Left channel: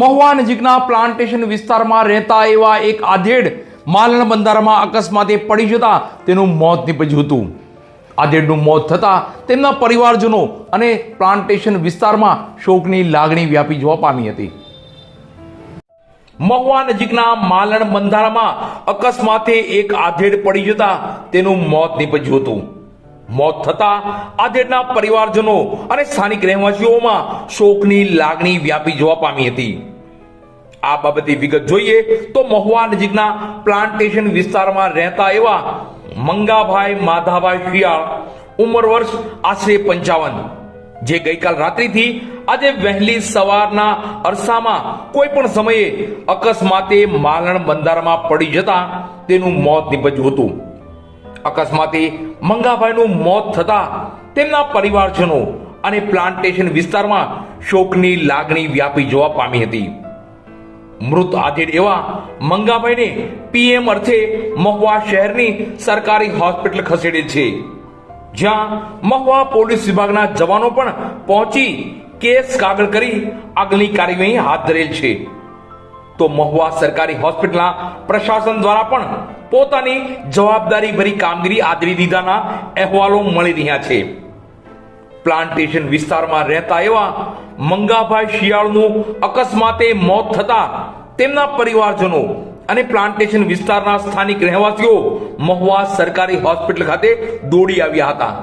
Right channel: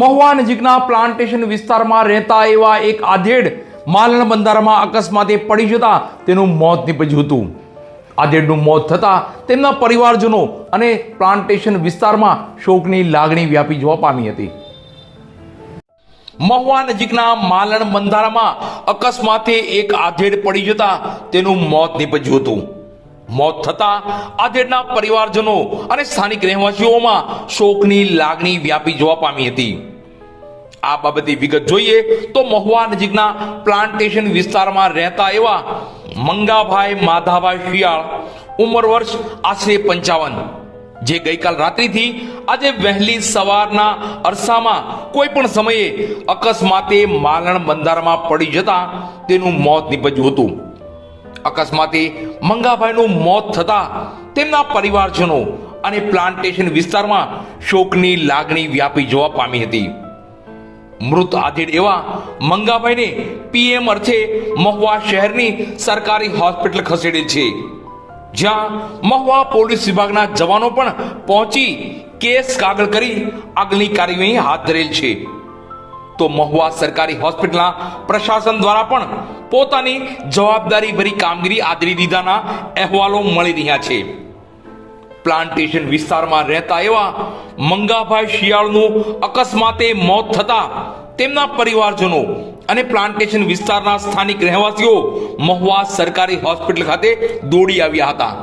મહુવા નજીકના પ્લાન્ટેશન વિસ્તારમાં રહેતા એવા એક આધેડ માલણ બંધારામાં અકસ્માતે પડી જતા તેનું મોત નીપજ્યું હતું. આધેડનું મોત થતાં તેમના પરિવારજનો અને પ્લાન્ટેશન વિસ્તારમાં શોકની લાગણી વ્યાપી જોવા પામી હતી. મહુવા નજીકના માલણ બંધારામાં અકસ્માતે એક આધેડ પડી જતા તેનું મોત નીપજ્યું હતું. મોત થતા આધેડના પરિવારજનો અને સ્થાનિક રહેવાસીઓમાં શોકની લાગણી વ્યાપી જોવા પામી હતી. આ બાબતે વિગત જોઈએ તો મહુવા નજીકના પ્લાન્ટેશન વિસ્તારમાં રહેતા એવા મંગાભાઈ માધાભાઈ શિયાળ, ઉંમર વર્ષ આશરે પંચાવન, જે ગઈકાલ રાત્રિથી આજે વહેલી સવારના અરસામાં કોઈ પણ સમયે અકસ્માતે માલણ બંધારમાં પડી જતા તેનું મોત નીપજ્યું હતું. અકસ્માતે મંગાભાઈનું મોત થતા તેમના પરિવારજનો અને પ્લાન્ટેશન વિસ્તારમાં શોકની લાગણી વ્યાપી જોવા પામી હતી. મૃત આધેડ એવા મંગાભાઈને પીએમ અર્થે મહુવા શહેરની સરકારી હોસ્પિટલ ખસેડે છે. જ્યાં મહુવા પોલીસ વિભાગના જવાનો પણ પહોંચી કેસ કાગળ કરી આગલી કાર્યવાહી હાથ ધરેલ છે. તો મહુવા સરકારી હોસ્પિટલના પ્રશાસન દ્વારા પણ પોતાની જવાબદારી ભરી કામગીરી આદરી દીધાના અહેવાલો મળી રહ્યા છે. પ્લાન્ટેશન વિસ્તારમાં રહેતા એવા મંગાભાઈ શિયાળનું અકસ્માતે મોત થતા તેમના પરિવારજનો અને પ્લાન્ટેશન વિસ્તારના સ્થાનિક રહેવાસીઓ મહુવા સરકારી હોસ્પિટલ ખાતે દોડી આવ્યા હતા.